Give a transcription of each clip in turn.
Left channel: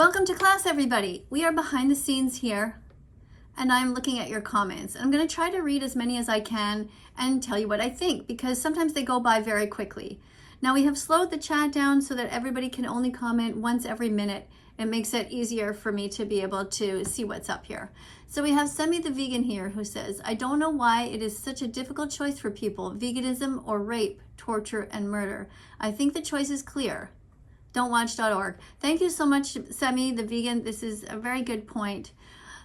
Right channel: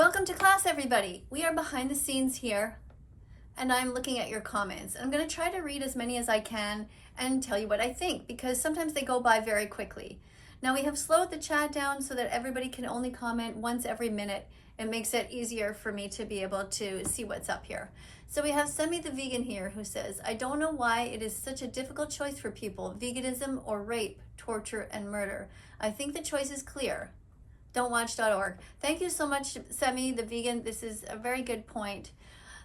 Welcome to class, everybody. We are behind the scenes here, and I'm looking at your comments. I'm going to try to read as many as I can and tell you what I think, because sometimes they go by very quickly. Now, we have slowed the chat down so that everybody can only comment once every minute. It makes it easier for me to be able to see what's up here. So we have Semi the Vegan here who says, I don't know why it is such a difficult choice for people, veganism or rape, torture, and murder. I think the choice is clear. Don'twatch.org. Thank you so much, Semi the Vegan. This is a very good point.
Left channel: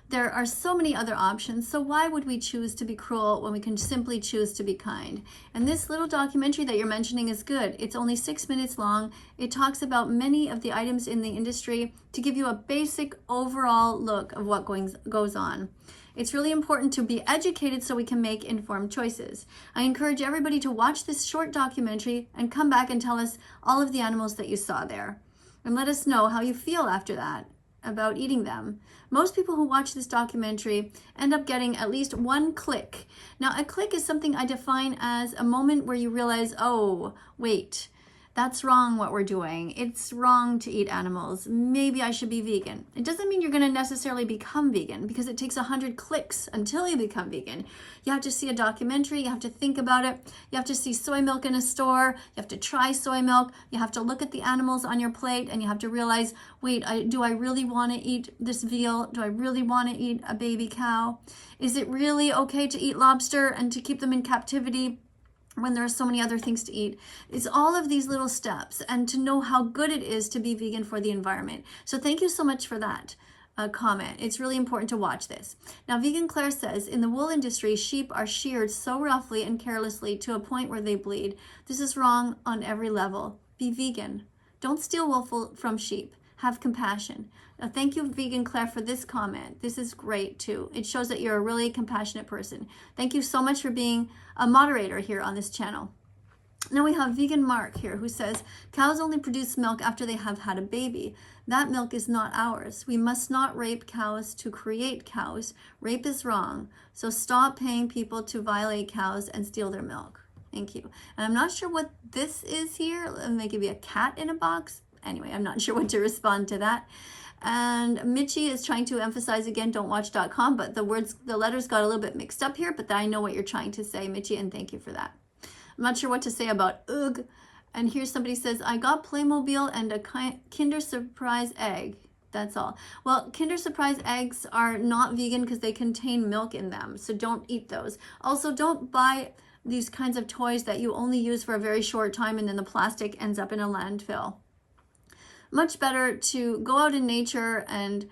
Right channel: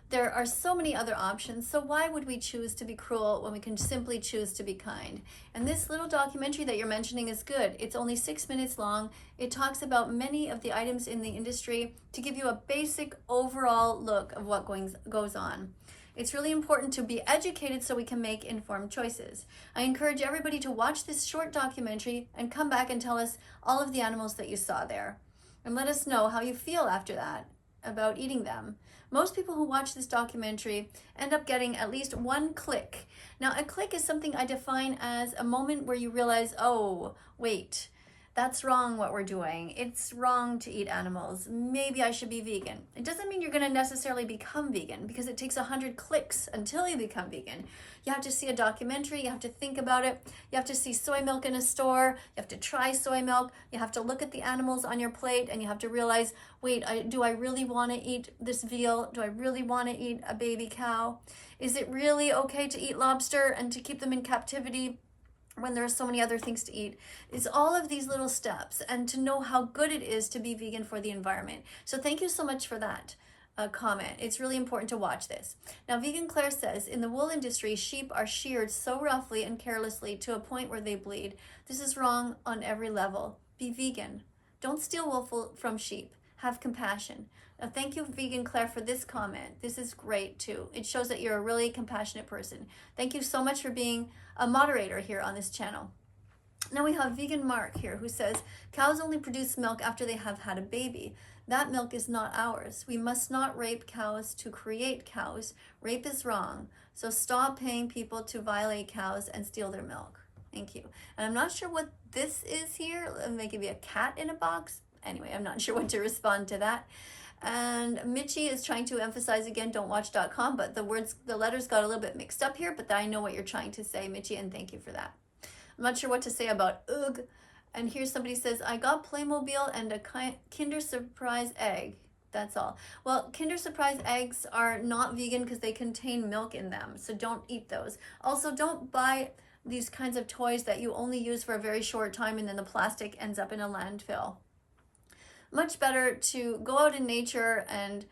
There are so many other options, so why would we choose to be cruel when we can simply choose to be kind? And this little documentary that you're mentioning is good. It's only 6 minutes long. It talks about many of the items in the industry to give you a basic overall look of what goes on. It's really important to be educated so we can make informed choices. I encourage everybody to watch this short documentary and come back and tell us all of the animals that you saw there. And let us know how you feel after that about eating them. Most people who watch this documentary end up getting at least one click. Now, a click is something I define as a moment where you realize, oh, wait, that's wrong what we're doing. It's wrong to eat animals. Maybe I should be vegan. It doesn't mean you're going to necessarily become vegan, because it takes 100 clicks until you become vegan. You have to see a documentary. You have to think about it. You have to see soy milk in a store. You have to try soy milk. You have to look at the animals on your plate, and you have to realize, wait, do I really want to eat this veal? Do I really want to eat a baby cow? Is it really okay to eat lobster and to keep them in captivity when there are so many other things to eat? It's all of these little steps, and to know how good it is to be vegan for the environment. So thank you so much for that comment. It's really important to watch this. Now, Vegan Claire says, in the wool industry, sheep are sheared so roughly and carelessly to a point where they bleed. This is wrong on every level. Be vegan. Don't steal wool from sheep. Have compassion. Now, thank you, Vegan Claire, for this comment. This is great too. It shows that you're a really compassionate person. Thank you so much for being a moderator here on this channel. Now we have Vegan Mark here who says, cows only produce milk after they have had a baby. That milk is not ours. We must not rape cows to create cows. Rape is wrong. So stop paying people to violate cows and steal their milk. Thank you. And I'm not sure what this is here. Maybe a cat in a box. Anyway, I'm not sure what to respond to that. And Mitchie is trying to emphasize again, don'twatch.com, but the letters got a little bit mixed up here, but I know what you're trying to say, Mitchie, and thank you for that. I'm not sure what to say about ugh. And here somebody says, I got Playmobil and a Kinder Surprise egg. That's all. Well, Kinder Surprise eggs are not vegan because they contain milk in them, so don't eat those. Also, don't buy these kinds of toys that you only use for a very short time and then the plastic ends up in a landfill. Much better to go out in nature and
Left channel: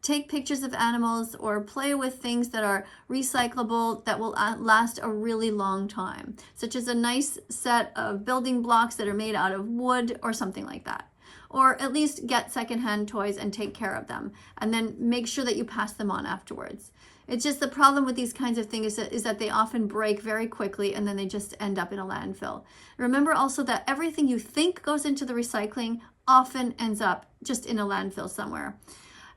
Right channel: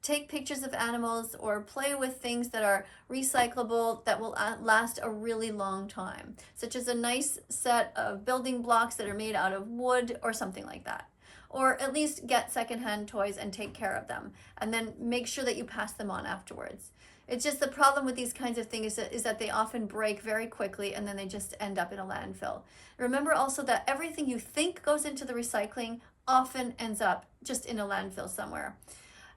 take pictures of animals or play with things that are recyclable that will last a really long time, such as a nice set of building blocks that are made out of wood or something like that. Or at least get secondhand toys and take care of them, and then make sure that you pass them on afterwards. It's just the problem with these kinds of things is that they often break very quickly and then they just end up in a landfill. Remember also that everything you think goes into the recycling often ends up just in a landfill somewhere.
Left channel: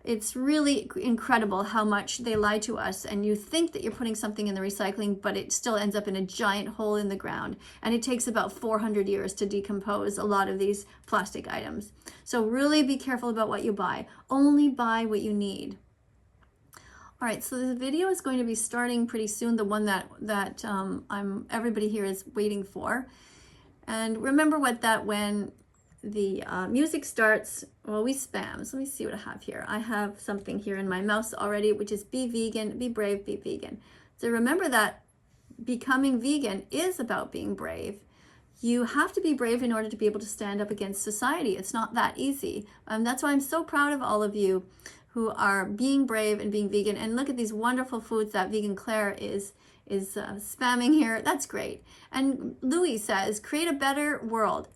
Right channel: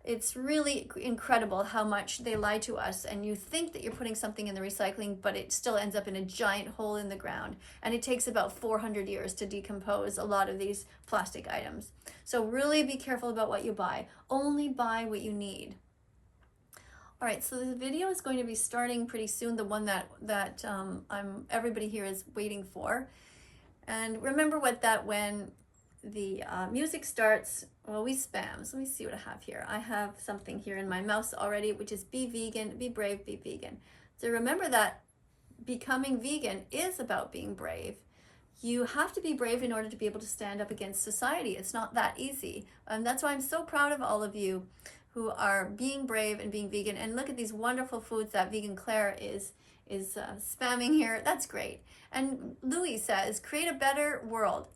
It's really incredible how much they lie to us, and you think that you're putting something in the recycling, but it still ends up in a giant hole in the ground. And it takes about 400 years to decompose a lot of these plastic items. So really be careful about what you buy. Only buy what you need. All right, so the video is going to be starting pretty soon, the one that everybody here is waiting for. And remember when the music starts, well, we spam. So let me see what I have here. I have something here in my mouse already, which is be vegan, be brave, be vegan. So remember that becoming vegan is about being brave. You have to be brave in order to be able to stand up against society. It's not that easy. That's why I'm so proud of all of you who are being brave and being vegan. And look at these wonderful foods that Vegan Claire is spamming here. That's great. And Louis says, create a better world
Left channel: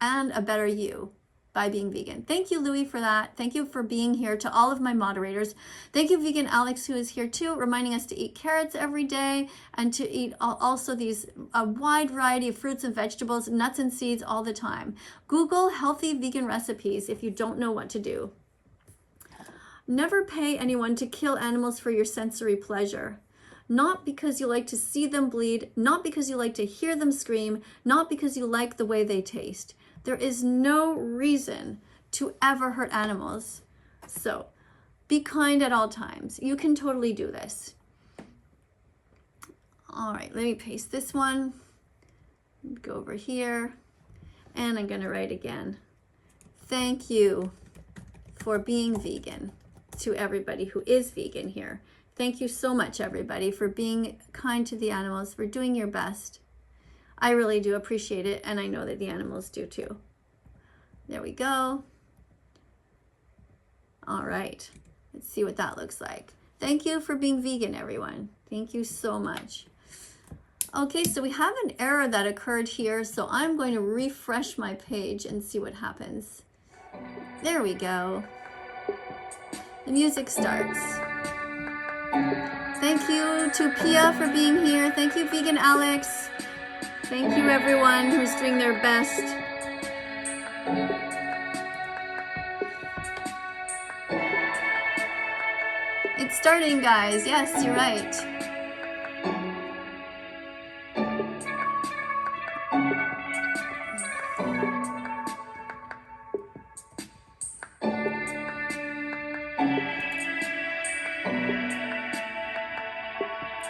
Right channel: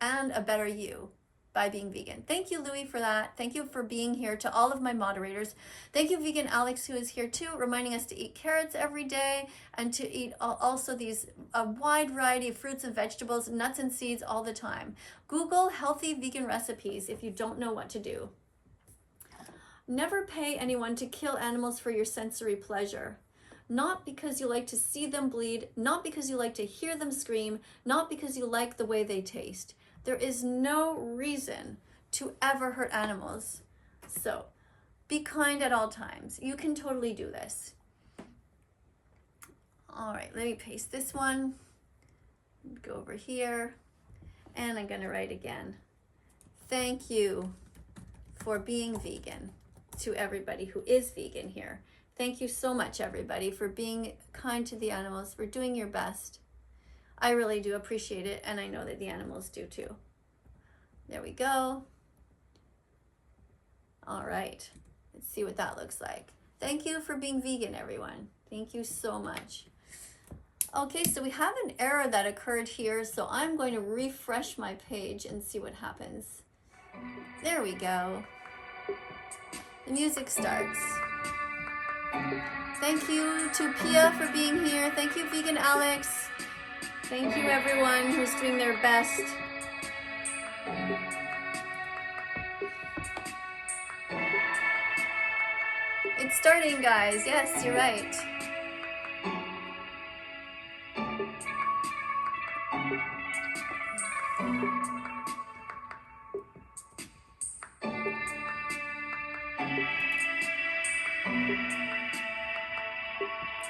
and a better you by being vegan. Thank you, Louis, for that. Thank you for being here. To all of my moderators, thank you, Vegan Alex, who is here too, reminding us to eat carrots every day and to eat also a wide variety of fruits and vegetables, nuts and seeds all the time. Google healthy vegan recipes if you don't know what to do. Never pay anyone to kill animals for your sensory pleasure. Not because you like to see them bleed, not because you like to hear them scream, not because you like the way they taste. There is no reason to ever hurt animals So be kind at all times. You can totally do this. All right, let me paste this one. Go over here, and I'm gonna write again. Thank you for being vegan to everybody who is vegan here. Thank you so much, everybody, for being kind to the animals, for doing your best. I really do appreciate it, and I know that the animals do too. There we go. All right, let's see what that looks like. Thank you for being vegan, everyone. Thank you so much. Okay, so we have an error that occurred here, so I'm going to refresh my page and see what happens. There we go. The music starts. Thank you to Pia for being here. Thank you, Vegan Alex. Thank you, everyone who's doing their best. It's starting, guys. Yes, you're right.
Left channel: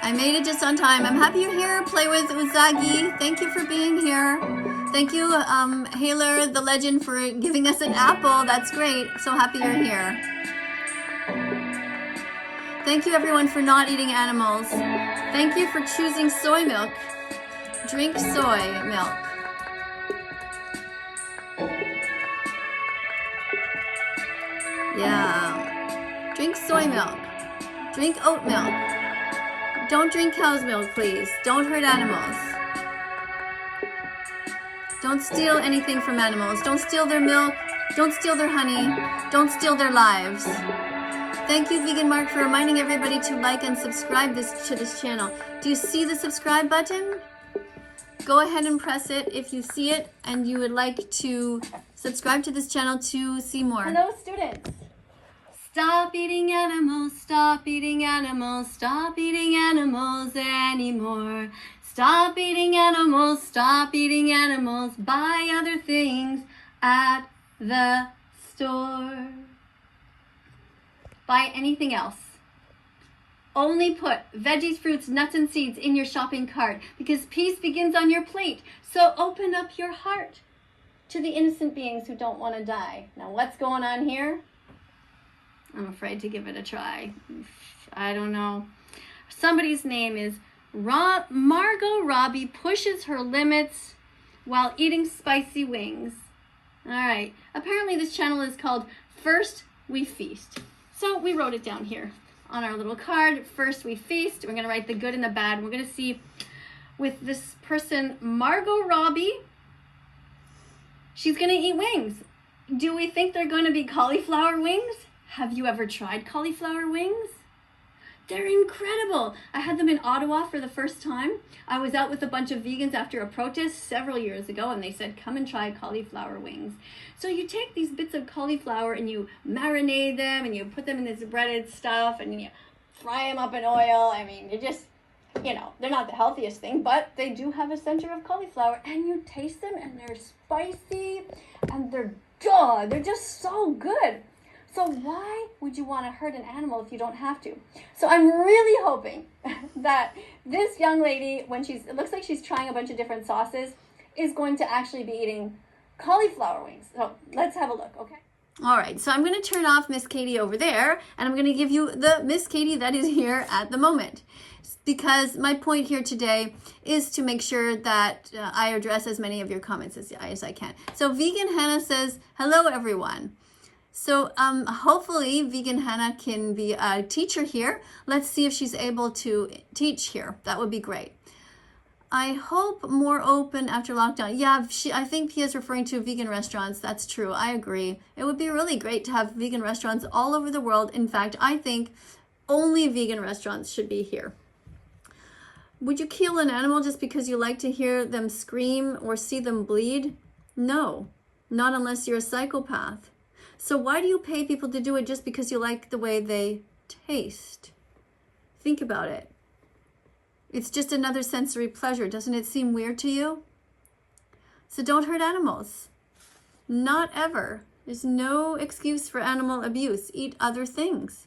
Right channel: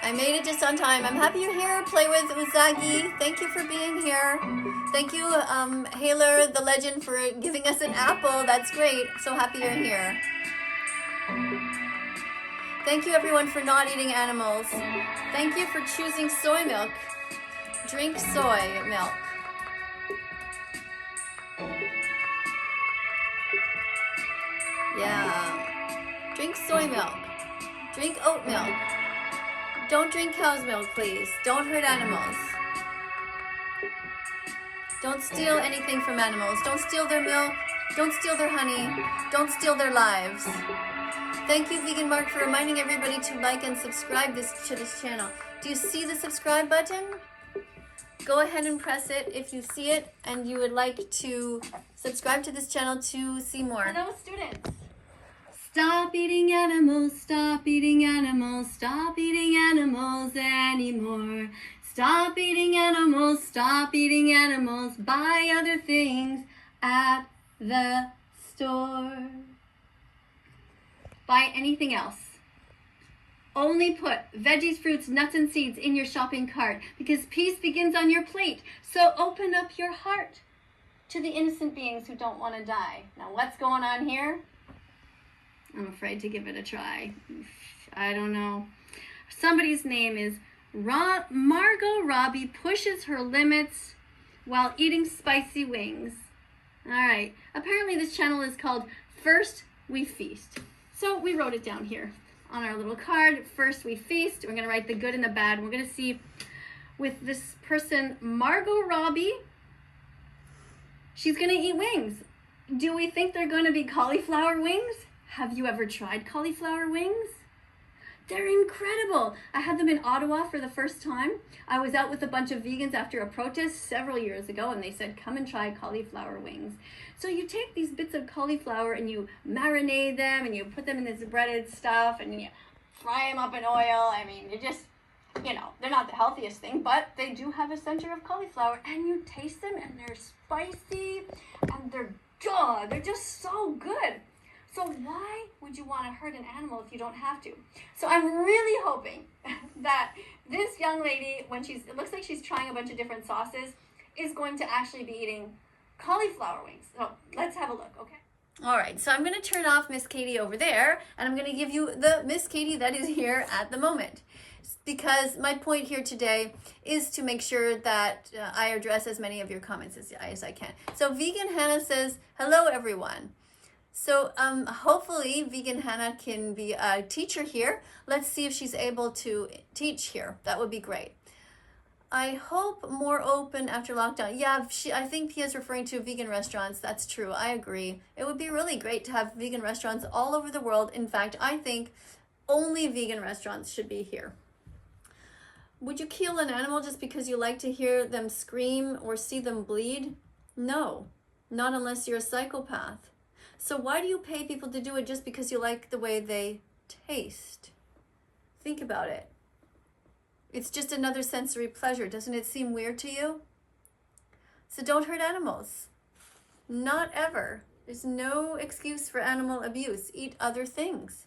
I made it just on time. I'm happy you're here. Play with Uzagi. Thank you for being here. Thank you, Haler, the legend, for giving us an apple. That's great. So happy you're here. Thank you, everyone, for not eating animals. Thank you for choosing soy milk. Drink soy milk. Yeah. Drink soy milk. Drink oat milk. Don't drink cow's milk, please. Don't hurt animals. Don't steal anything from animals. Don't steal their milk. Don't steal their honey. Don't steal their lives. Thank you, Vegan Mark, for reminding everybody to like and subscribe to this channel. Do you see the subscribe button? Go ahead and press it if you see it and you would like to subscribe to this channel to see more. Hello, students. Stop eating animals, stop eating animals, stop eating animals anymore. Stop eating animals, stop eating animals, buy other things at the store. Buy anything else. Only put veggies, fruits, nuts, and seeds in your shopping cart because peace begins on your plate. So open up your heart to the innocent beings who don't want to die. Now what's going on here? I'm afraid to give it a try. I don't know. Somebody's name is Margot Robbie pushes her limits while eating spicy wings. All right. Apparently this channel is called First We Feast. So we wrote it down here on our little card. First we feast. We're going to write the good and the bad. We're going to see with this person, Margot Robbie. She's going to eat wings. Do we think they're going to be cauliflower wings? Have you ever tried cauliflower wings? They're incredible. I had them in Ottawa for the first time. I was out with a bunch of vegans after a protest several years ago, and they said, come and try cauliflower wings. So you take these bits of cauliflower and you marinate them and you put them in this breaded stuff and you fry them up in oil. I mean, you just, they're not the healthiest thing, but they do have a center of cauliflower, and you taste them and they're spicy and they're just so good. So why would you want to hurt an animal if you don't have to? So I'm really hoping that this young lady, it looks like she's trying a bunch of different sauces, is going to actually be eating cauliflower wings. So let's have a look, okay? All right, so I'm going to turn off Miss Katie over there, and I'm going to give you the Miss Katie that is here at the moment. Because my point here today is to make sure that I address as many of your comments as I can. So Vegan Hannah says, hello, everyone. So hopefully Vegan Hannah can be a teacher here. Let's see if she's able to teach here. That would be great. I hope more open after lockdown. Yeah, I think Pia's referring to vegan restaurants. That's true. I agree. It would be really great to have vegan restaurants all over the world. In fact, I think only vegan restaurants should be here. Would you kill an animal just because you like to hear them scream or see them bleed? No, not unless you're a psychopath. So why do you pay people to do it just because you like the way they taste? Think about it. It's just another sensory pleasure. Doesn't it seem weird to you? So don't hurt animals. Not ever. There's no excuse for animal abuse. Eat other things.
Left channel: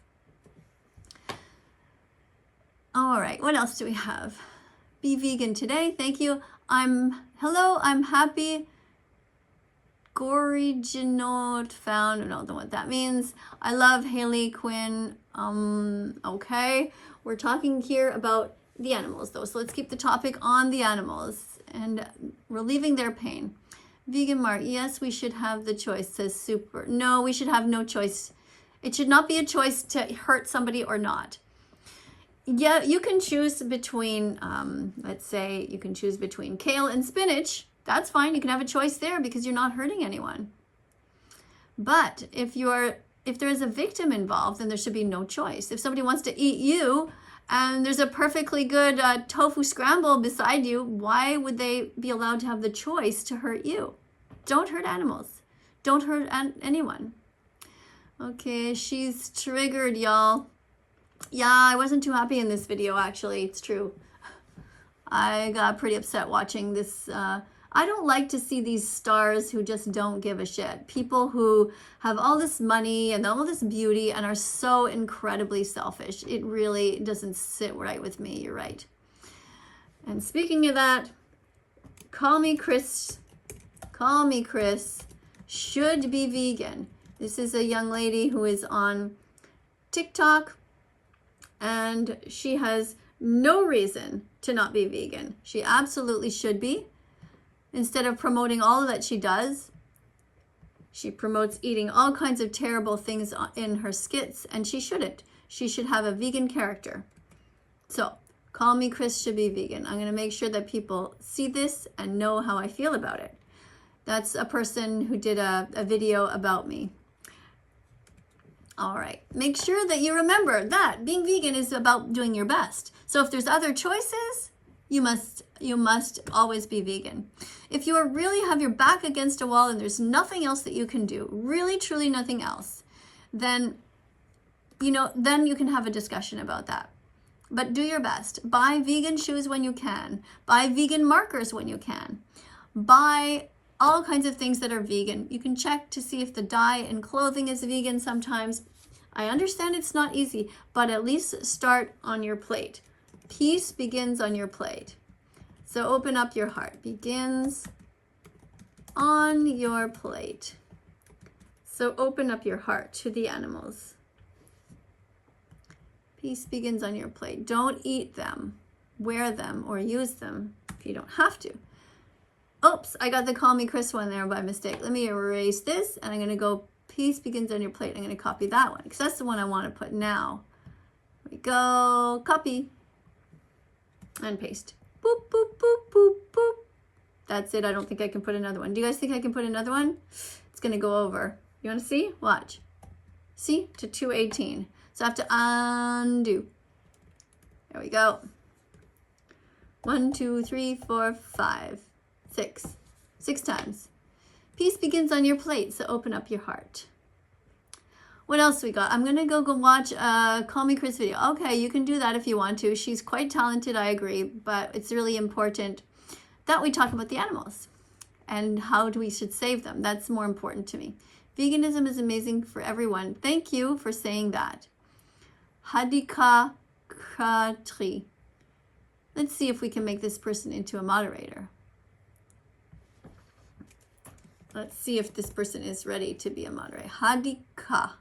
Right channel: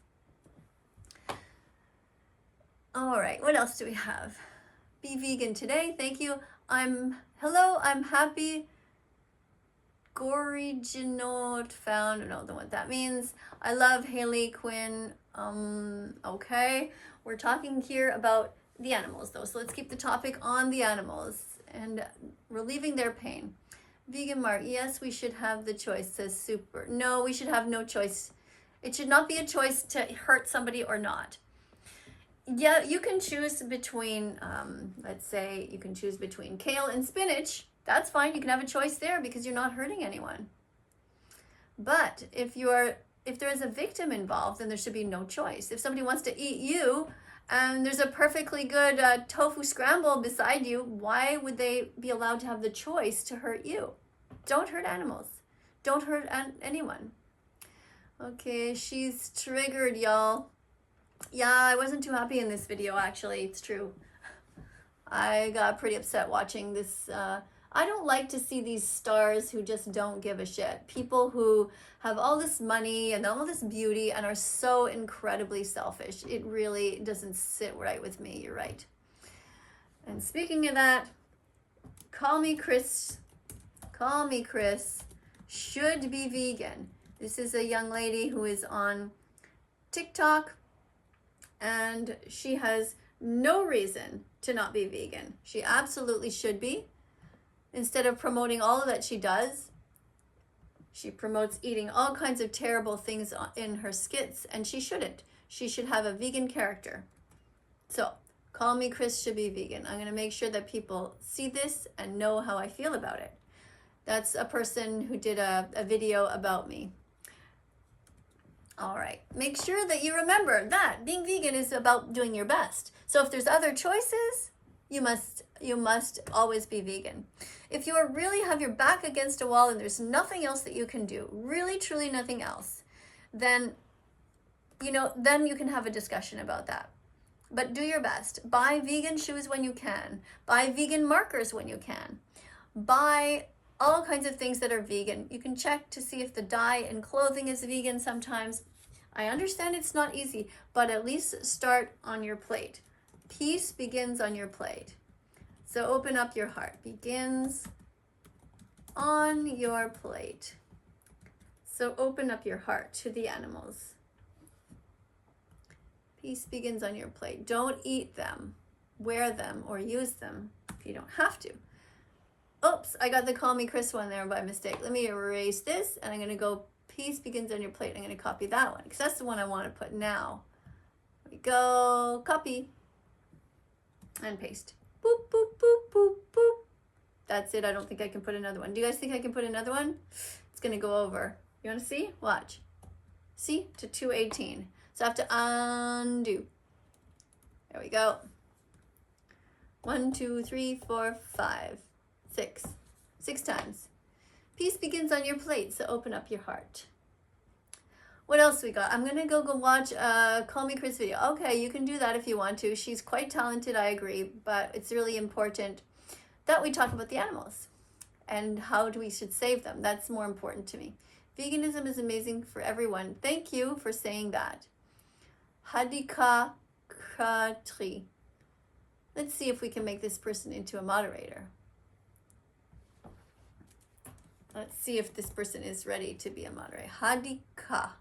All right, what else do we have? Be vegan today. Thank you. I'm happy. Original found. I don't know what that means. I love Haley Quinn. Okay. We're talking here about the animals though. So let's keep the topic on the animals and relieving their pain. Vegan Mark, yes, we should have the choice, says Super. No, we should have no choice. It should not be a choice to hurt somebody or not. Yeah, you can choose between, let's say you can choose between kale and spinach. That's fine. You can have a choice there because you're not hurting anyone. But if there is a victim involved, then there should be no choice. If somebody wants to eat you and there's a perfectly good tofu scramble beside you, why would they be allowed to have the choice to hurt you? Don't hurt animals. Don't hurt anyone. Okay, she's triggered, y'all. Yeah, I wasn't too happy in this video, actually. It's true. I got pretty upset watching this. I don't like to see these stars who just don't give a shit. People who have all this money and all this beauty and are so incredibly selfish. It really doesn't sit right with me. You're right. And speaking of that, call me Chris. Call me Chris. Should be vegan. This is a young lady who is on TikTok. And she has no reason to not be vegan. She absolutely should be. Instead of promoting all that she does, she promotes eating all kinds of terrible things in her skits, and she shouldn't. She should have a vegan character. So, call me Chris should be vegan. I'm going to make sure that people see this and know how I feel about it. That's a person who did a video about me. All right, make sure that you remember that being vegan is about doing your best. So if there's other choices, you must always be vegan. If you really have your back against a wall and there's nothing else that you can do, really truly nothing else, then you can have a discussion about that. But do your best. Buy vegan shoes when you can. Buy vegan markers when you can. Buy all kinds of things that are vegan. You can check to see if the dye in clothing is vegan sometimes. I understand it's not easy, but at least start on your plate. Peace begins on your plate. So open up your heart. Begins on your plate. So open up your heart to the animals. Peace begins on your plate. Don't eat them, wear them, or use them if you don't have to. Oops, I got the Call Me Chris one there by mistake. Let me erase this, and I'm going to go Peace Begins on Your Plate. I'm going to copy that one, because that's the one I want to put now. Here we go. Copy. And paste. Boop, boop, boop, boop, boop. That's it. I don't think I can put another one. Do you guys think I can put another one? It's going to go over. You want to see? Watch. See? To 218. So I have to undo. There we go. 1, 2, 3, 4, 5. 6 times. Peace begins on your plate, so open up your heart. What else we got? I'm gonna go watch Call Me Chris video. Okay, you can do that if you want to. She's quite talented, I agree, but it's really important that we talk about the animals and how we should save them. That's more important to me. Veganism is amazing for everyone. Thank you for saying that. Hadika Khatri. Let's see if we can make this person into a moderator. Let's see if this person is ready to be a moderator. Hadika.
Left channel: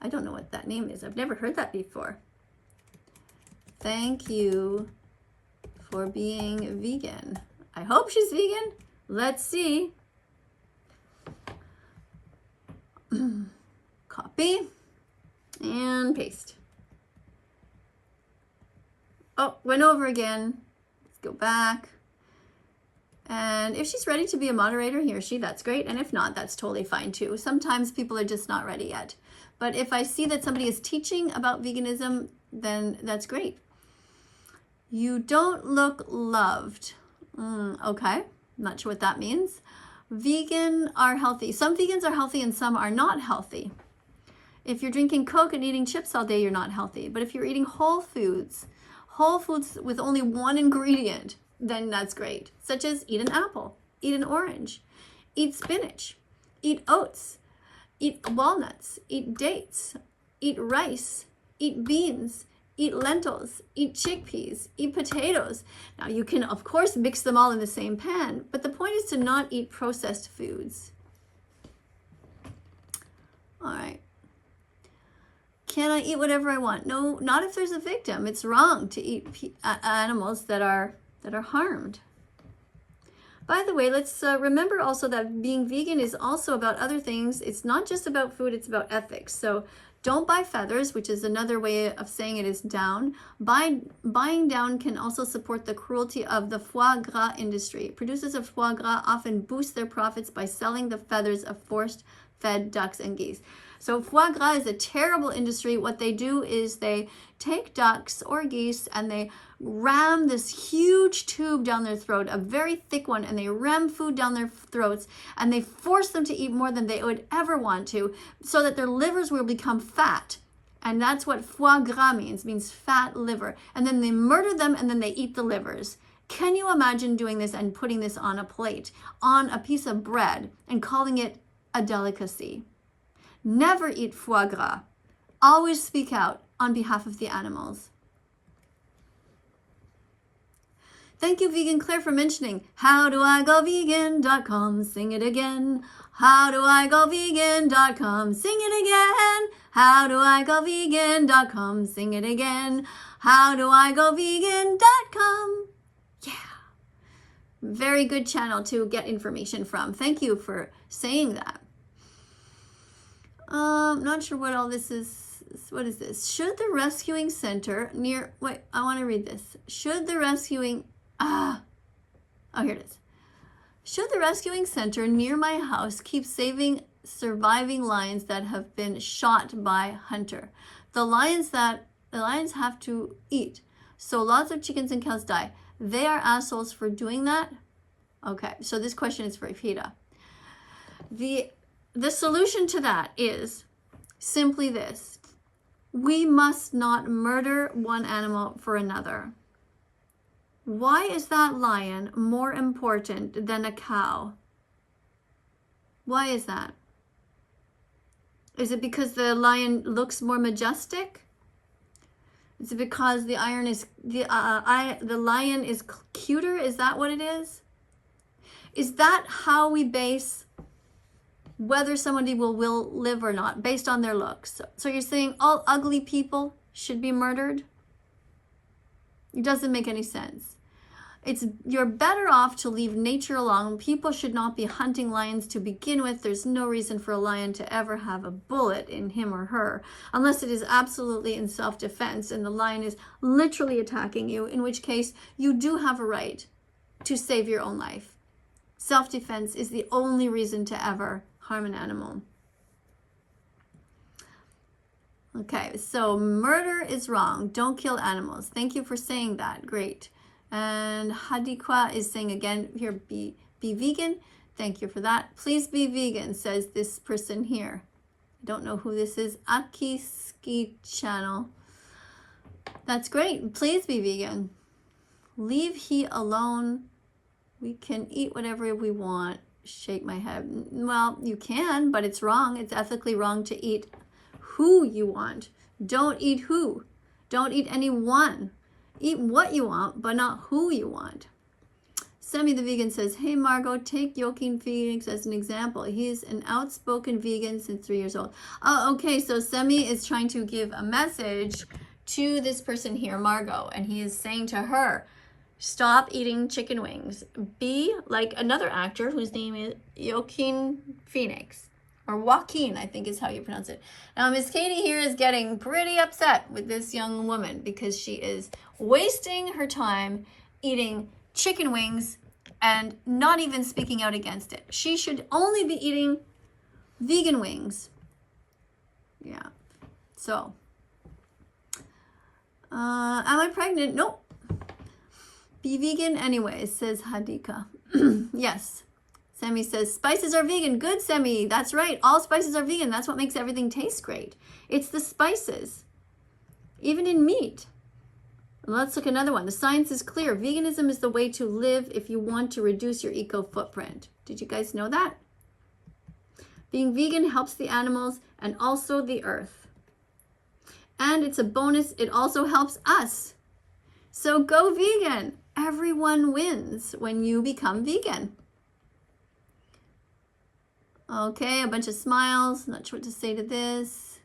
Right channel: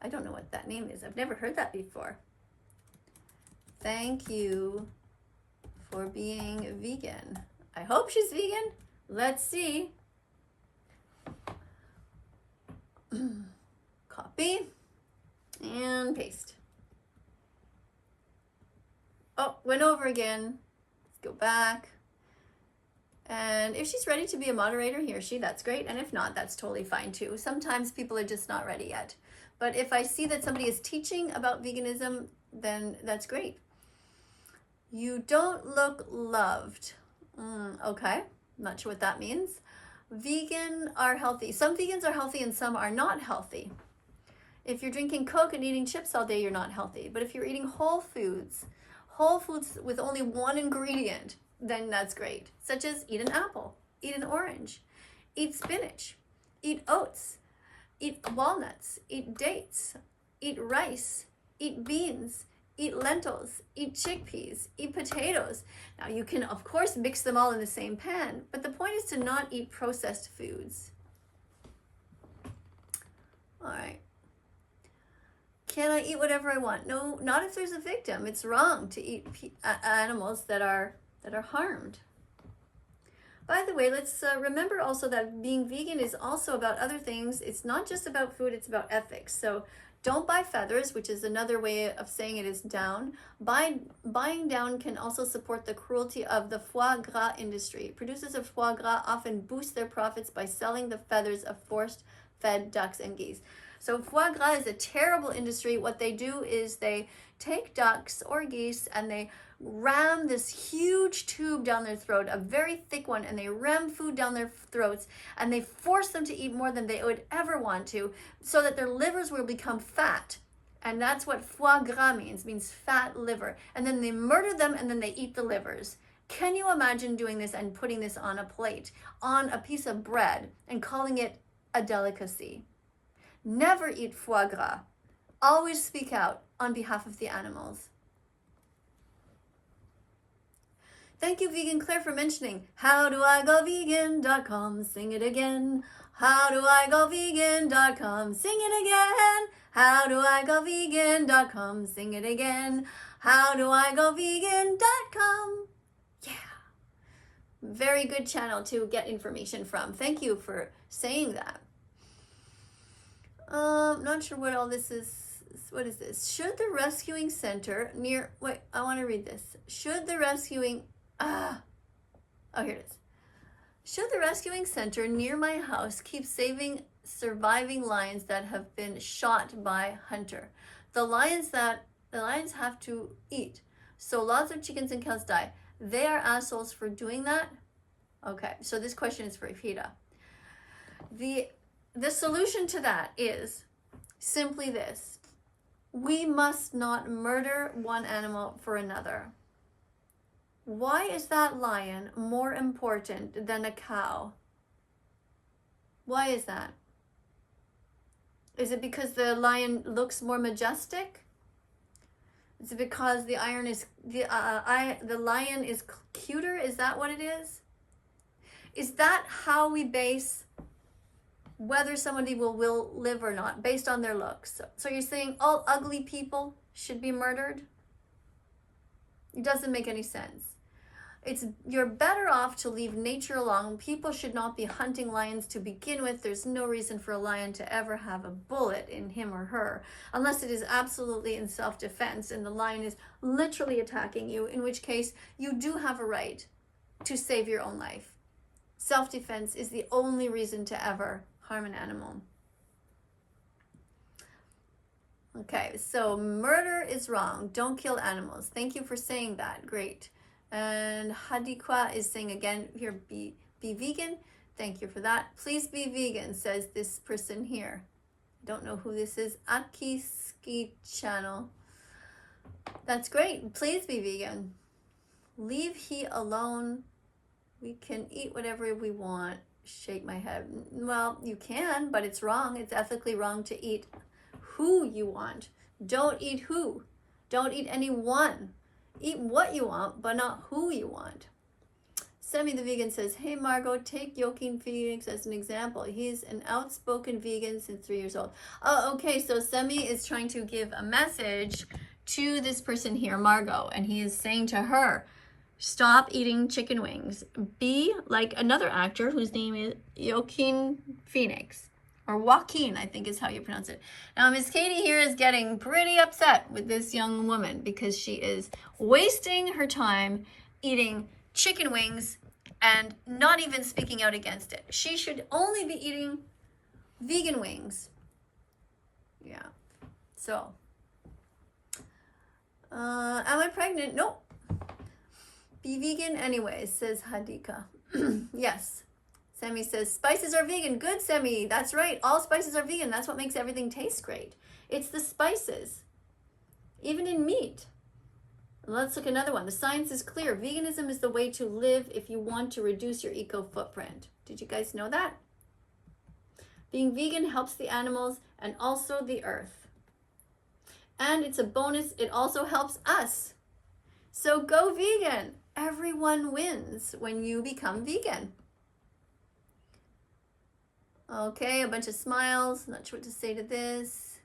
I don't know what that name is. I've never heard that before. Thank you for being vegan. I hope she's vegan. Let's see. Copy and paste. Oh, went over again. Let's go back. And if she's ready to be a moderator, he or she, that's great. And if not, that's totally fine too. Sometimes people are just not ready yet. But if I see that somebody is teaching about veganism, then that's great. You don't look loved. Okay, not sure what that means. Vegan are healthy. Some vegans are healthy and some are not healthy. If you're drinking Coke and eating chips all day, you're not healthy. But if you're eating whole foods with only one ingredient, then that's great. Such as eat an apple, eat an orange, eat spinach, Eat oats, eat walnuts, eat dates, eat rice, eat beans, eat lentils, eat chickpeas, eat potatoes. Now you can, of course, mix them all in the same pan, but the point is to not eat processed foods. All right. Can I eat whatever I want? No, not if there's a victim. It's wrong to eat animals that are harmed. By the way, let's remember also that being vegan is also about other things. It's not just about food, it's about ethics. So don't buy feathers, which is another way of saying it is down. Buying down can also support the cruelty of the foie gras industry. Producers of foie gras often boost their profits by selling the feathers of force-fed ducks and geese. So foie gras is a terrible industry. What they do is they take ducks or geese and they ram this huge tube down their throat, a very thick one, and they ram food down their throats and they force them to eat more than they would ever want to so that their livers will become fat. And that's what foie gras means fat liver. And then they murder them and then they eat the livers. Can you imagine doing this and putting this on a plate, on a piece of bread, and calling it a delicacy? Never eat foie gras. Always speak out on behalf of the animals. Thank you, Vegan Claire, for mentioning howdoigovegan.com. Sing it again. Howdoigovegan.com. Sing it again. Howdoigovegan.com. Sing it again. Howdoigovegan.com. Yeah. Very good channel to get information from. Thank you for saying that. Not sure what all this is. What is this? Should the rescuing center near, wait, I want to read this. Should the rescuing, oh, here it is. Should the rescuing center near my house keep saving surviving lions that have been shot by hunter? The lions have to eat. So lots of chickens and cows die. They are assholes for doing that? Okay, so this question is for Ifida. The solution to that is simply this. We must not murder one animal for another. Why is that lion more important than a cow? Why is that? Is it because the lion looks more majestic? Is it because the lion is cuter? Is that what it is? Is that how we base whether somebody will live or not, based on their looks? So you're saying all ugly people should be murdered? It doesn't make any sense. You're better off to leave nature alone. People should not be hunting lions to begin with. There's no reason for a lion to ever have a bullet in him or her, unless it is absolutely in self-defense and the lion is literally attacking you, in which case you do have a right to save your own life. Self-defense is the only reason to ever harm an animal. Okay, so murder is wrong. Don't kill animals. Thank you for saying that. Great. And Hadikwa is saying again here, be vegan. Thank you for that. Please be vegan, says this person here. I don't know who this is. Akiski channel. That's great. Please be vegan. Leave he alone. We can eat whatever we want. Shake my head. Well, you can, but it's wrong. It's ethically wrong to eat who you want. Don't eat who. Don't eat anyone. Eat what you want, but not who you want. Semi the vegan says, hey Margot, take Joaquin Phoenix as an example. He's an outspoken vegan since 3 years old. Oh, okay, so Semi is trying to give a message to this person here, Margot, and he is saying to her, stop eating chicken wings. Be like another actor whose name is Joaquin Phoenix. Or Joaquin, I think is how you pronounce it. Now, Miss Katie here is getting pretty upset with this young woman because she is wasting her time eating chicken wings and not even speaking out against it. She should only be eating vegan wings. Yeah. So, am I pregnant? Nope. Be vegan anyways, says Hadika. Yes. Semi says, spices are vegan. Good, Semi. That's right. All spices are vegan. That's what makes everything taste great. It's the spices. Even in meat. Let's look at another one. The science is clear. Veganism is the way to live if you want to reduce your eco footprint. Did you guys know that? Being vegan helps the animals and also the earth. And it's a bonus, it also helps us. So go vegan. Everyone wins when you become vegan. Okay, a bunch of smiles. Not sure what to say to this.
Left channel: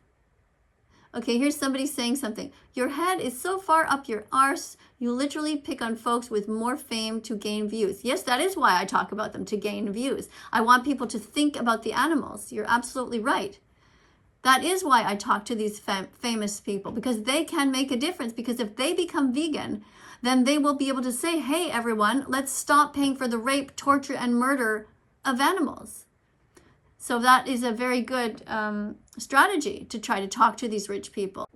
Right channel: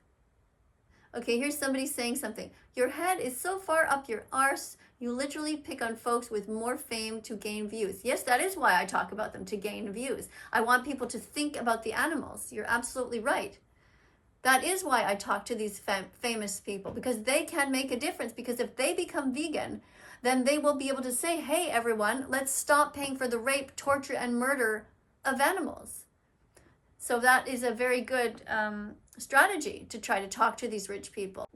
Okay, here's somebody saying something. Your head is so far up your arse, you literally pick on folks with more fame to gain views. Yes, that is why I talk about them, to gain views. I want people to think about the animals. You're absolutely right. That is why I talk to these famous people, because they can make a difference. Because if they become vegan, then they will be able to say, hey, everyone, let's stop paying for the rape, torture, and murder of animals. So that is a very good strategy to try to talk to these rich people.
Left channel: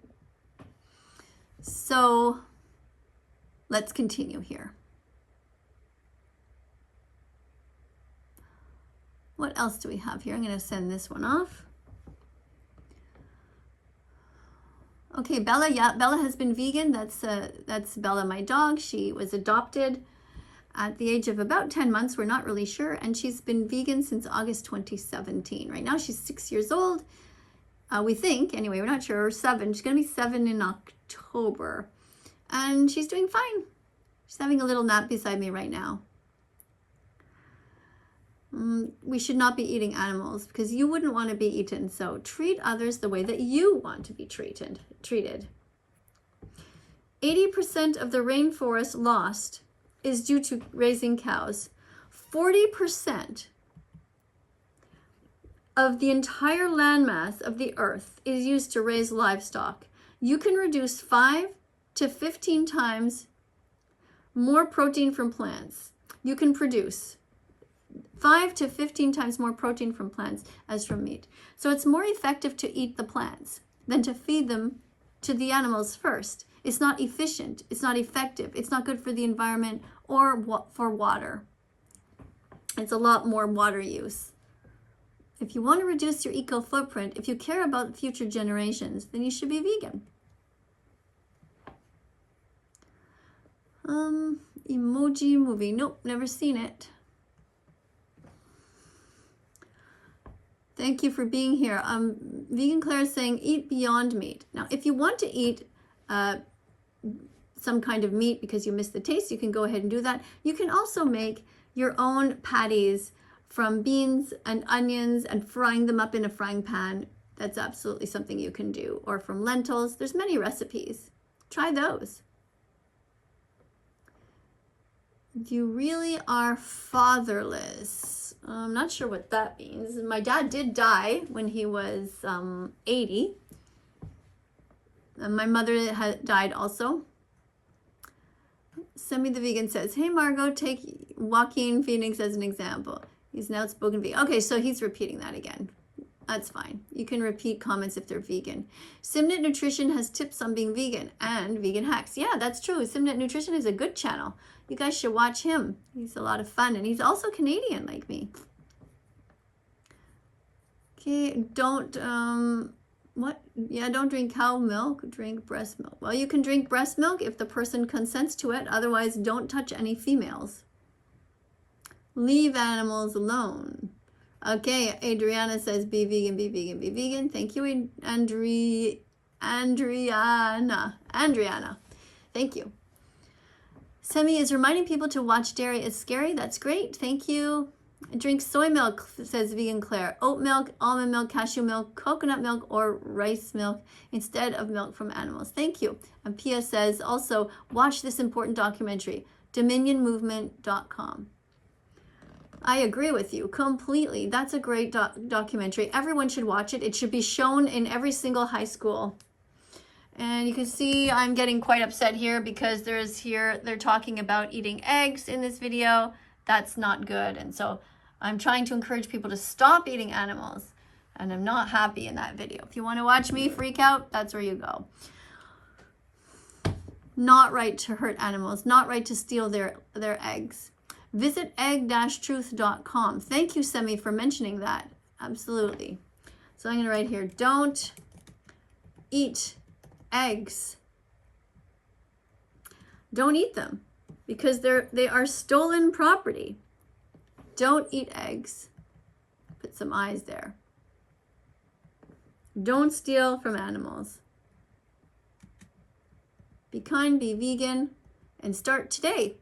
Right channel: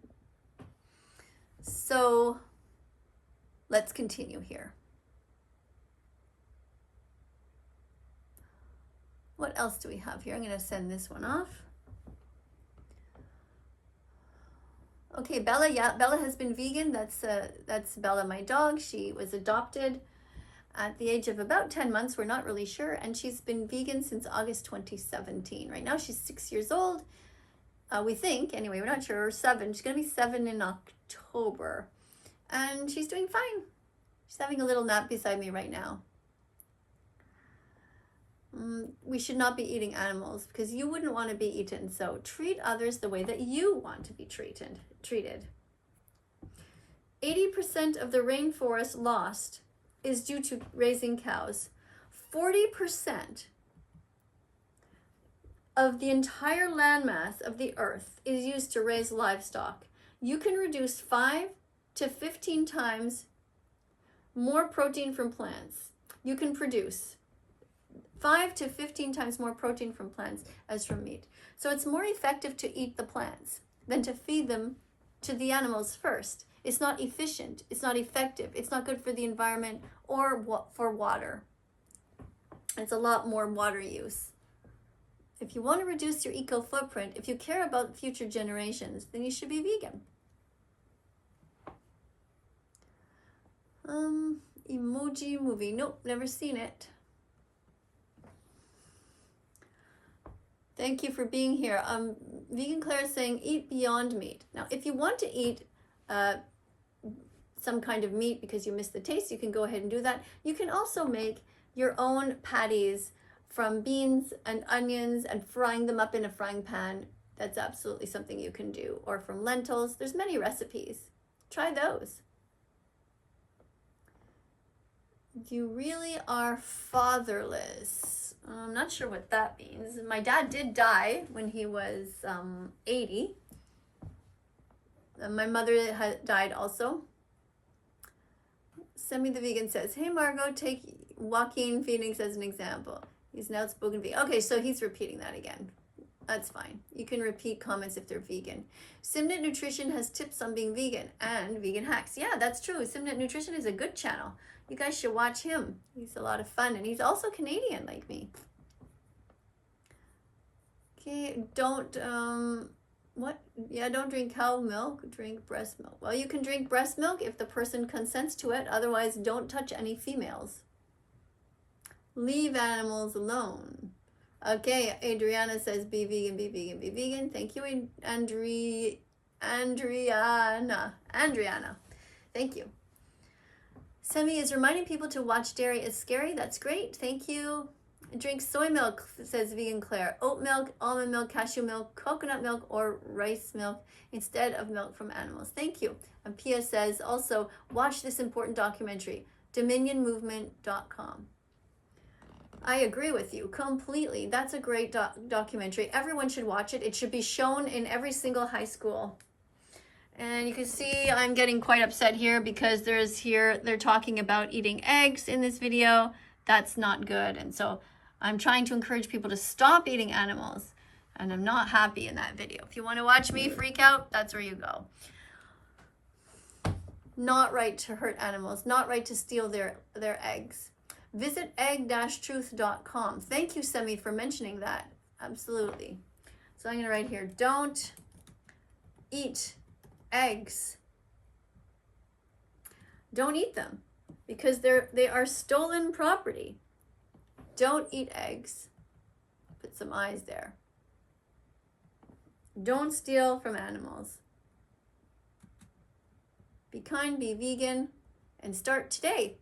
So let's continue here. What else do we have here? I'm going to send this one off. Okay, Bella. Yeah, Bella has been vegan. That's Bella, my dog. She was adopted at the age of about 10 months. We're not really sure. And she's been vegan since August 2017. Right now she's 6 years old. We think, anyway, we're not sure, or 7. She's going to be 7 in October. And she's doing fine. She's having a little nap beside me right now. We should not be eating animals because you wouldn't want to be eaten. So treat others the way that you want to be treated. 80% of the rainforest lost is due to raising cows. 40% of the entire landmass of the earth is used to raise livestock. You can reduce 5 to 15 times more protein from plants. You can produce 5 to 15 times more protein from plants as from meat. So it's more effective to eat the plants than to feed them to the animals first. It's not efficient, it's not effective, it's not good for the environment or for water. It's a lot more water use. If you want to reduce your eco footprint, if you care about future generations, then you should be vegan. Emoji movie. Nope, never seen it. Thank you for being here. Vegan Claire is saying, eat beyond meat. Now, if you want to eat some kind of meat because you miss the taste, you can go ahead and do that. You can also make your own patties from beans and onions and frying them up in a frying pan. That's absolutely something you can do. Or from lentils. There's many recipes. Try those. You really are fatherless. I'm not sure what that means. My dad did die when he was 80. And my mother died also. Semi the Vegan says, hey Margot, take Joaquin Phoenix as an example. He's an outspoken vegan. Okay, so he's repeating that again. That's fine. You can repeat comments if they're vegan. Simnet Nutrition has tips on being vegan and vegan hacks. Yeah, that's true. Simnet Nutrition is a good channel. You guys should watch him. He's a lot of fun, and he's also Canadian like me. Okay, don't drink cow milk, drink breast milk. Well, you can drink breast milk if the person consents to it. Otherwise, don't touch any females. Leave animals alone. Okay, Adriana says, be vegan, be vegan, be vegan. Thank you, Andriana. Thank you. Semi is reminding people to watch dairy is scary. That's great. Thank you. Drink soy milk, says Vegan Claire. Oat milk, almond milk, cashew milk, coconut milk, or rice milk instead of milk from animals. Thank you. And Pia says also, watch this important documentary, dominionmovement.com. I agree with you completely. That's a great documentary. Everyone should watch it. It should be shown in every single high school. And you can see I'm getting quite upset here because they're talking about eating eggs in this video. That's not good. And so I'm trying to encourage people to stop eating animals. And I'm not happy in that video. If you want to watch me freak out, that's where you go. Not right to hurt animals. Not right to steal their eggs. Visit egg-truth.com. Thank you, Semi, for mentioning that. Absolutely. So I'm going to write here, don't eat eggs. Don't eat them because they are stolen property. Don't eat eggs. Put some eyes there. Don't steal from animals. Be kind, be vegan, and start today.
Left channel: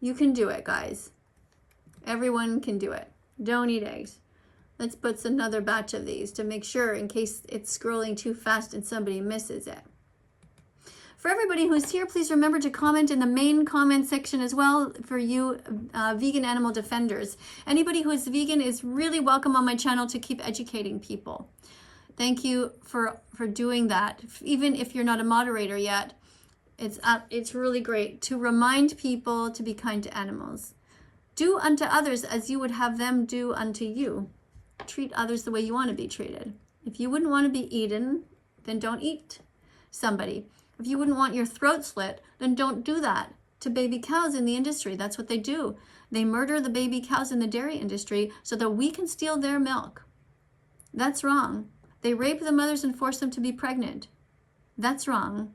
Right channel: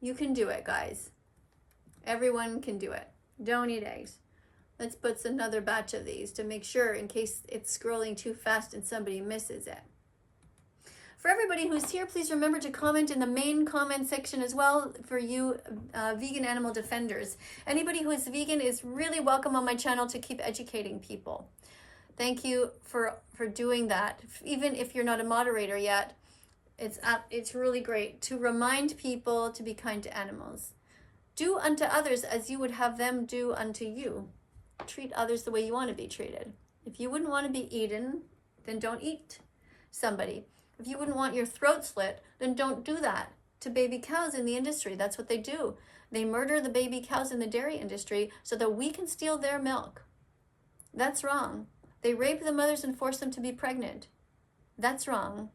You can do it, guys. Everyone can do it. Don't eat eggs. Let's put another batch of these to make sure in case it's scrolling too fast and somebody misses it. For everybody who's here, please remember to comment in the main comment section as well for you vegan animal defenders. Anybody who is vegan is really welcome on my channel to keep educating people. Thank you for doing that. Even if you're not a moderator yet, it's really great to remind people to be kind to animals. Do unto others as you would have them do unto you. Treat others the way you want to be treated. If you wouldn't want to be eaten, then don't eat somebody. If you wouldn't want your throat slit, then don't do that to baby cows in the industry. That's what they do. They murder the baby cows in the dairy industry so that we can steal their milk. That's wrong. They rape the mothers and force them to be pregnant. That's wrong.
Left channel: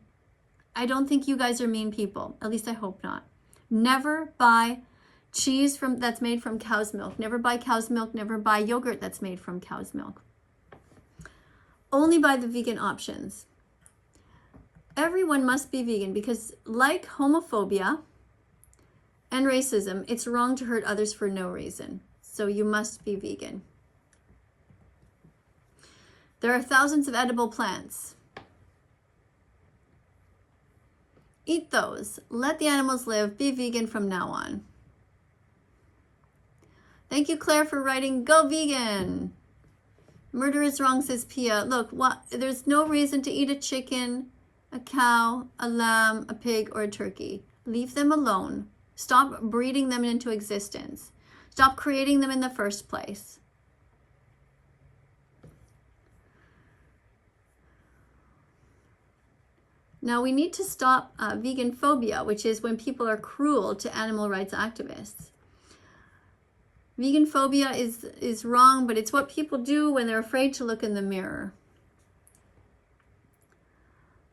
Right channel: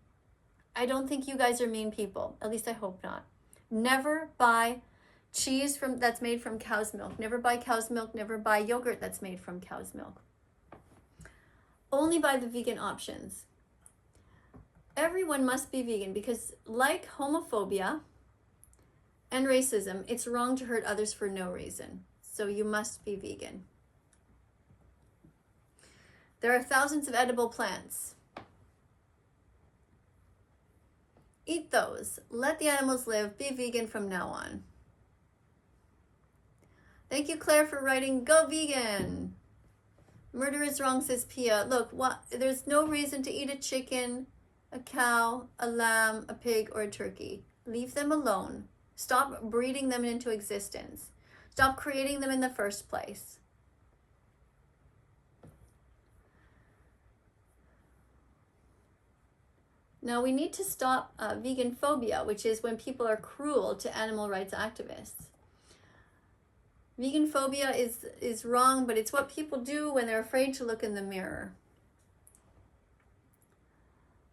I don't think you guys are mean people. At least I hope not. Never buy cheese that's made from cow's milk. Never buy cow's milk. Never buy yogurt that's made from cow's milk. Only buy the vegan options. Everyone must be vegan because, like homophobia and racism, it's wrong to hurt others for no reason. So you must be vegan. There are thousands of edible plants. Eat those. Let the animals live. Be vegan from now on. Thank you, Claire, for writing, go vegan. Murder is wrong, says Pia. Look, there's no reason to eat a chicken, a cow, a lamb, a pig, or a turkey. Leave them alone. Stop breeding them into existence. Stop creating them in the first place. Now we need to stop veganphobia, which is when people are cruel to animal rights activists. Veganphobia is wrong, but it's what people do when they're afraid to look in the mirror.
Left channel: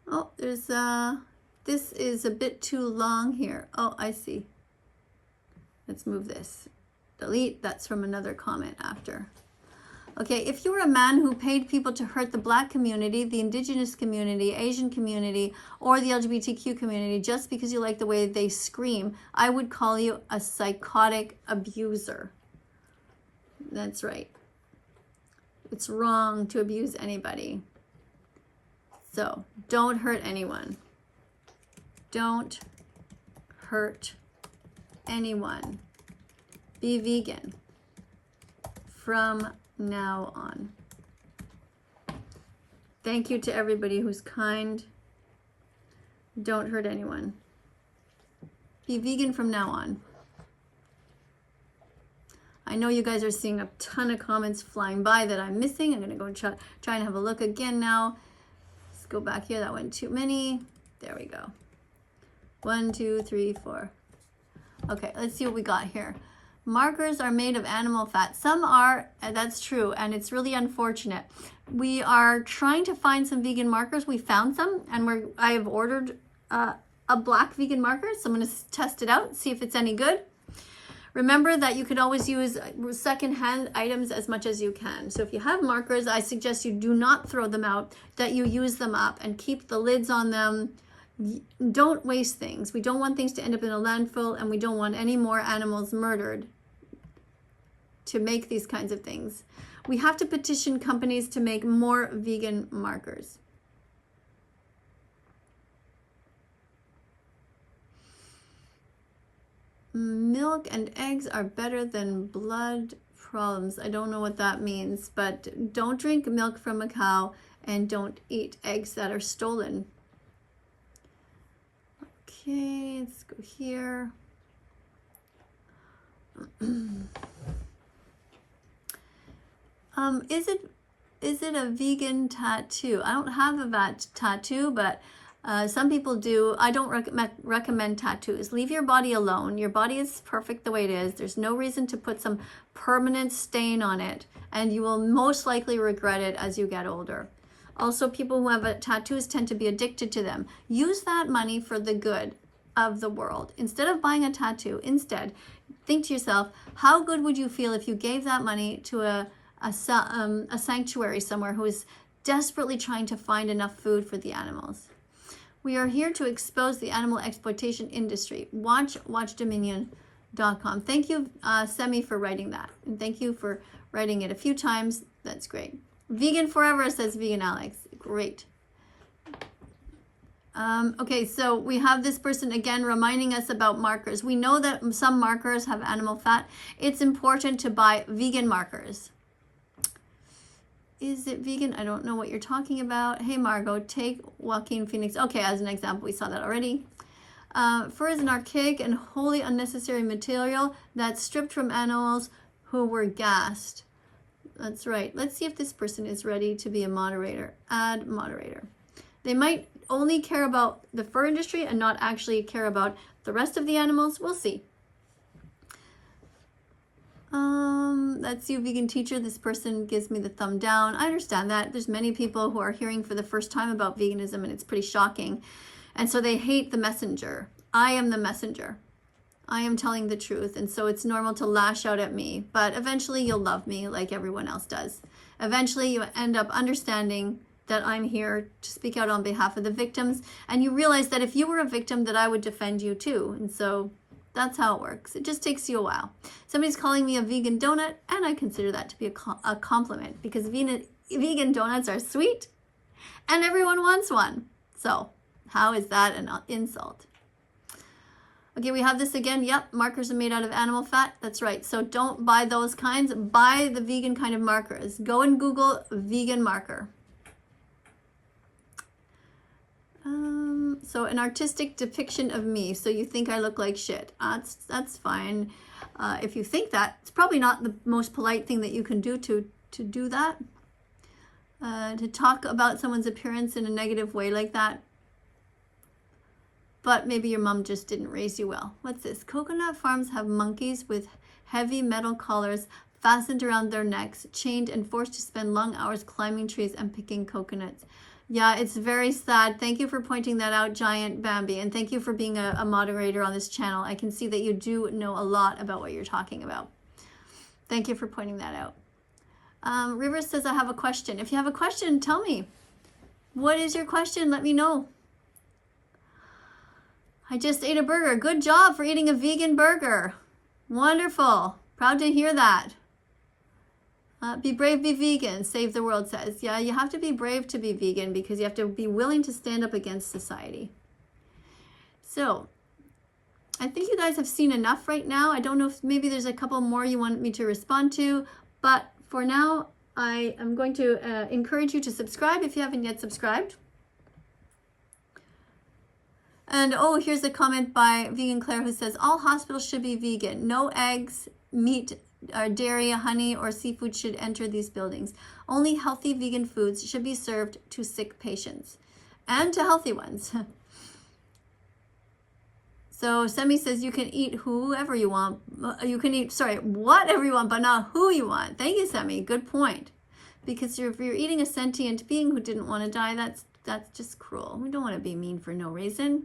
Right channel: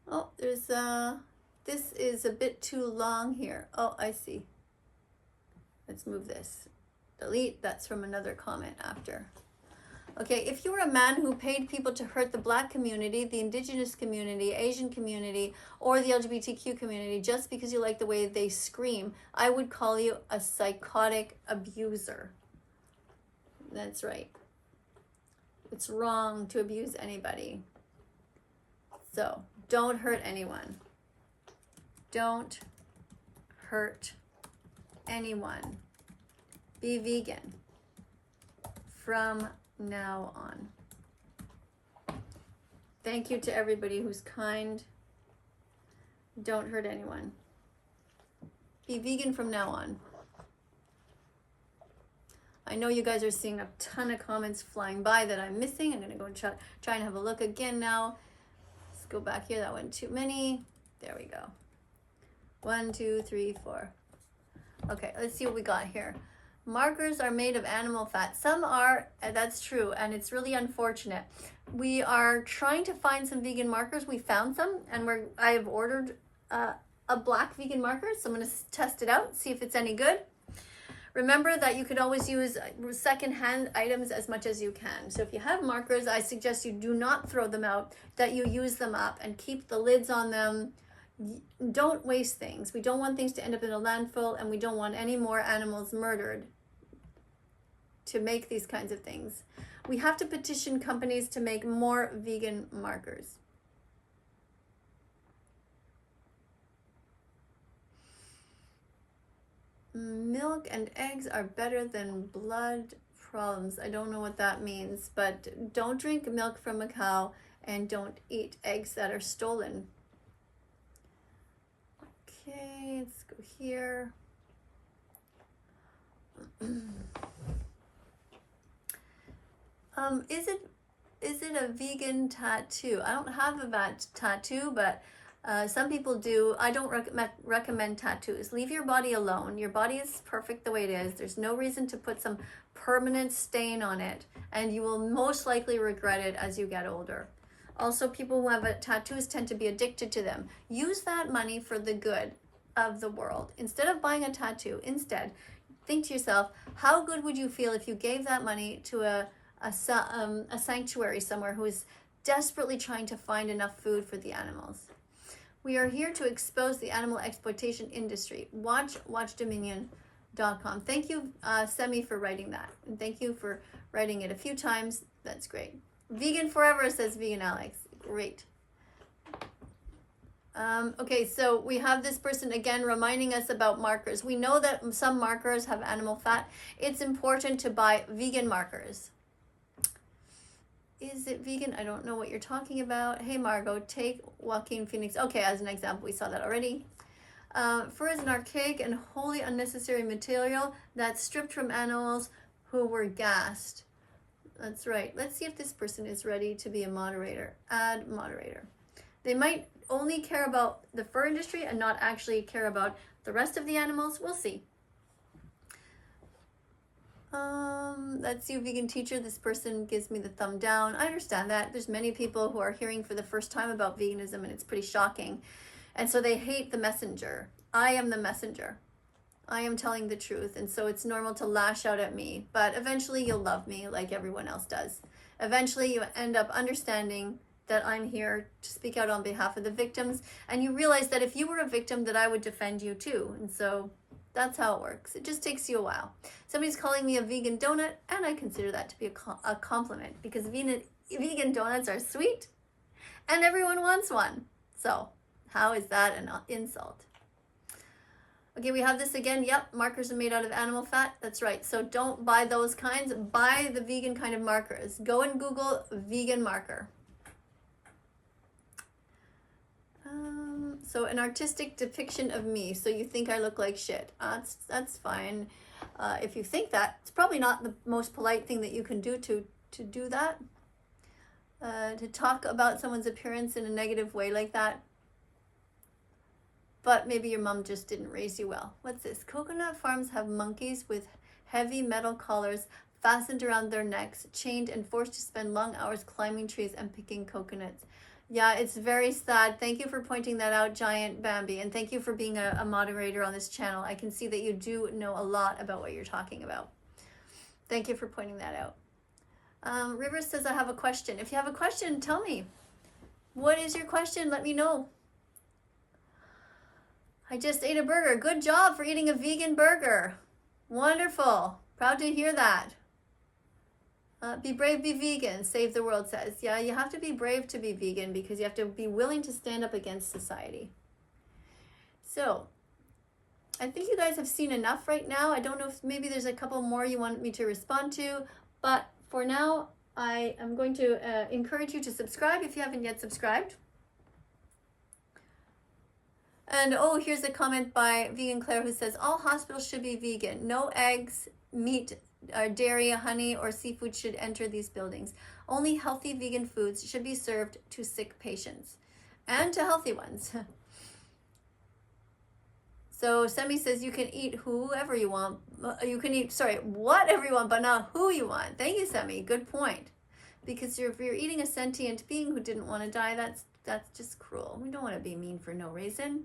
Oh, there's this is a bit too long here. Oh, I see. Let's move this. Delete, that's from another comment after. Okay, if you were a man who paid people to hurt the Black community, the Indigenous community, Asian community, or the LGBTQ community just because you like the way they scream, I would call you a psychotic abuser. That's right. It's wrong to abuse anybody. So, don't hurt anyone. Don't hurt anyone. Be vegan from now on. Thank you to everybody who's kind. Don't hurt anyone. Be vegan from now on. I know you guys are seeing a ton of comments flying by that I'm missing. I'm going to go and try and have a look again now. Let's go back here. That went too many. There we go. 1, 2, 3, 4. Okay, let's see what we got here. Markers are made of animal fat. Some are, that's true, and it's really unfortunate. We are trying to find some vegan markers. We found some, and I have ordered a black vegan marker, so I'm going to test it out, see if it's any good. Remember that you could always use secondhand items as much as you can. So if you have markers, I suggest you do not throw them out, that you use them up and keep the lids on them. Don't waste things. We don't want things to end up in a landfill, and we don't want any more animals murdered to make these kinds of things. We have to petition companies to make more vegan markers. Milk and eggs are better than blood problems. I don't know what that means, but don't drink milk from a cow and don't eat eggs that are stolen. Okay, let's go here. Is it a vegan tattoo? I don't have a tattoo, but some people do. I don't recommend tattoos. Leave your body alone. Your body is perfect the way it is. There's no reason to put some permanent stain on it, and you will most likely regret it as you get older. Also, people who have tattoos tend to be addicted to them. Use that money for the good of the world. Instead of buying a tattoo, instead, think to yourself, how good would you feel if you gave that money to a sanctuary somewhere who is desperately trying to find enough food for the animals. We are here to expose the animal exploitation industry. Watch watchdominion.com. Thank you, Semi, for writing that. And thank you for writing it a few times. That's great. Vegan forever, says Vegan Alex. Great. Okay, so we have this person again reminding us about markers. We know that some markers have animal fat. It's important to buy vegan markers. Is it vegan? I don't know what you're talking about. Hey, Margot, take Joaquin Phoenix. Okay, as an example, we saw that already. Fur is an archaic and wholly unnecessary material that's stripped from animals who were gassed. That's right. Let's see if this person is ready to be a moderator. Add moderator. They might only care about the fur industry and not actually care about the rest of the animals. We'll see. That's you, vegan teacher. This person gives me the thumb down. I understand that. There's many people who are hearing for the first time about veganism, and it's pretty shocking. And so they hate the messenger. I am the messenger. I am telling the truth. And so it's normal to lash out at me. But eventually you'll love me like everyone else does. Eventually you end up understanding that I'm here to speak out on behalf of the victims. And you realize that if you were a victim, that I would defend you too. And so that's how it works. It just takes you a while. Somebody's calling me a vegan donut, and I consider that to be a compliment, because vegan donuts are sweet and everyone wants one. So how is that an insult? Okay, we have this again. Yep, markers are made out of animal fat. That's right. So don't buy those kinds. Buy the vegan kind of markers. Go and Google vegan marker. So an artistic depiction of me. So you think I look like shit. That's fine. If you think that, it's probably not the most polite thing that you can do to do that. To talk about someone's appearance in a negative way like that. But maybe your mom just didn't raise you well. What's this? Coconut farms have monkeys with heavy metal collars fastened around their necks, chained and forced to spend long hours climbing trees and picking coconuts. Yeah, it's very sad. Thank you for pointing that out, Giant Bambi. And thank you for being a moderator on this channel. I can see that you do know a lot about what you're talking about. Thank you for pointing that out. River says, I have a question. If you have a question, tell me. What is your question? Let me know. I just ate a burger. Good job for eating a vegan burger. Wonderful. Proud to hear that. Be brave, be vegan, Save the World says. Yeah, you have to be brave to be vegan, because you have to be willing to stand up against society. So, I think you guys have seen enough right now. I don't know if maybe there's a couple more you want me to respond to, but for now, I am going to encourage you to subscribe if you haven't yet subscribed. And oh, here's a comment by Vegan Claire who says, all hospitals should be vegan. No eggs, meat, dairy, honey, or seafood should enter these buildings. Only healthy vegan foods should be served to sick patients and to healthy ones. So Semi says you can eat whoever you want. You can eat, whatever you want, but not who you want. Thank you, Semi. Good point. Because if you're eating a sentient being who didn't want to die, that's just cruel. We don't want to be mean for no reason.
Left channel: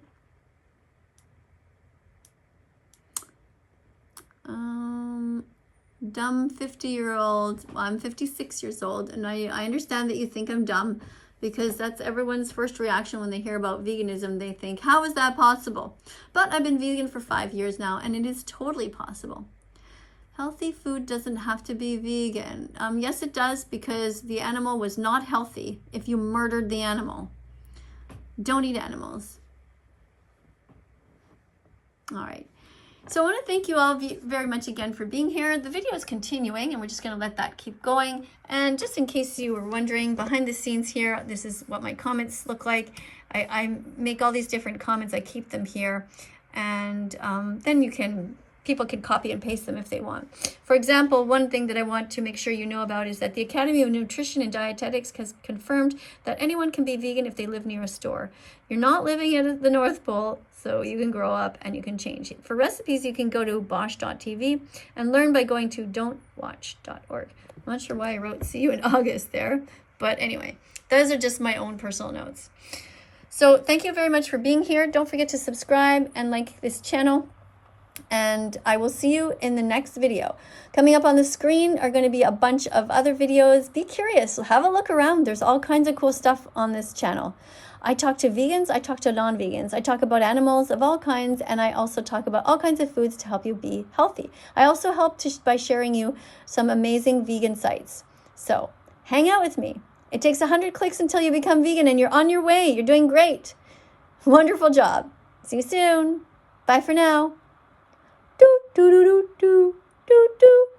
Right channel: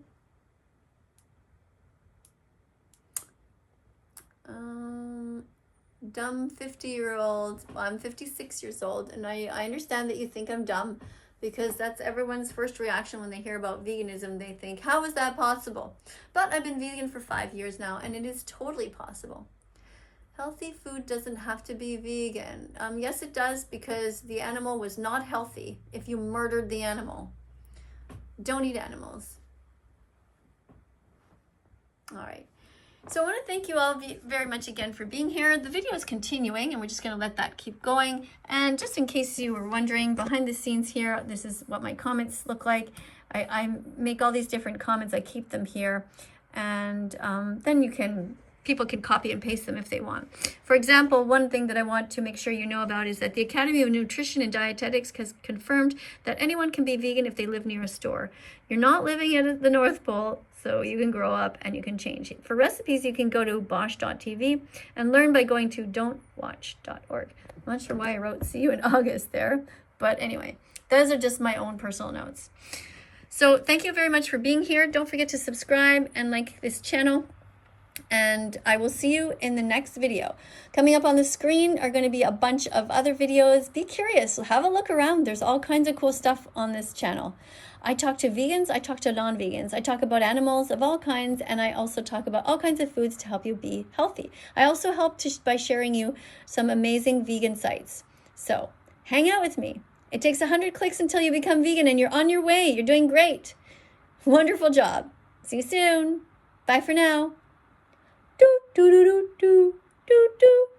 Dumb 50-year-old. Well, I'm 56 years old, and I understand that you think I'm dumb, because that's everyone's first reaction when they hear about veganism. They think, how is that possible? But I've been vegan for 5 years now, and it is totally possible. Healthy food doesn't have to be vegan. Yes, it does, because the animal was not healthy if you murdered the animal. Don't eat animals. All right. So I want to thank you all very much again for being here. The video is continuing, and we're just going to let that keep going. And just in case you were wondering, behind the scenes here, this is what my comments look like. I make all these different comments. I keep them here. And then people can copy and paste them if they want. For example, one thing that I want to make sure you know about is that the Academy of Nutrition and Dietetics has confirmed that anyone can be vegan if they live near a store. You're not living at the North Pole, so you can grow up and you can change. For recipes, you can go to bosch.tv and learn by going to don'twatch.org. I'm not sure why I wrote see you in August there, but anyway, those are just my own personal notes. So thank you very much for being here. Don't forget to subscribe and like this channel. And I will see you in the next video. Coming up on the screen are going to be a bunch of other videos. Be curious, have a look around. There's all kinds of cool stuff on this channel. I talk to vegans, I talk to non-vegans, I talk about animals of all kinds, and I also talk about all kinds of foods to help you be healthy. I also help by sharing you some amazing vegan sites. So hang out with me. It takes 100 clicks until you become vegan, and you're on your way. You're doing great. Wonderful job. See you soon. Bye for now. Do do do do do do do.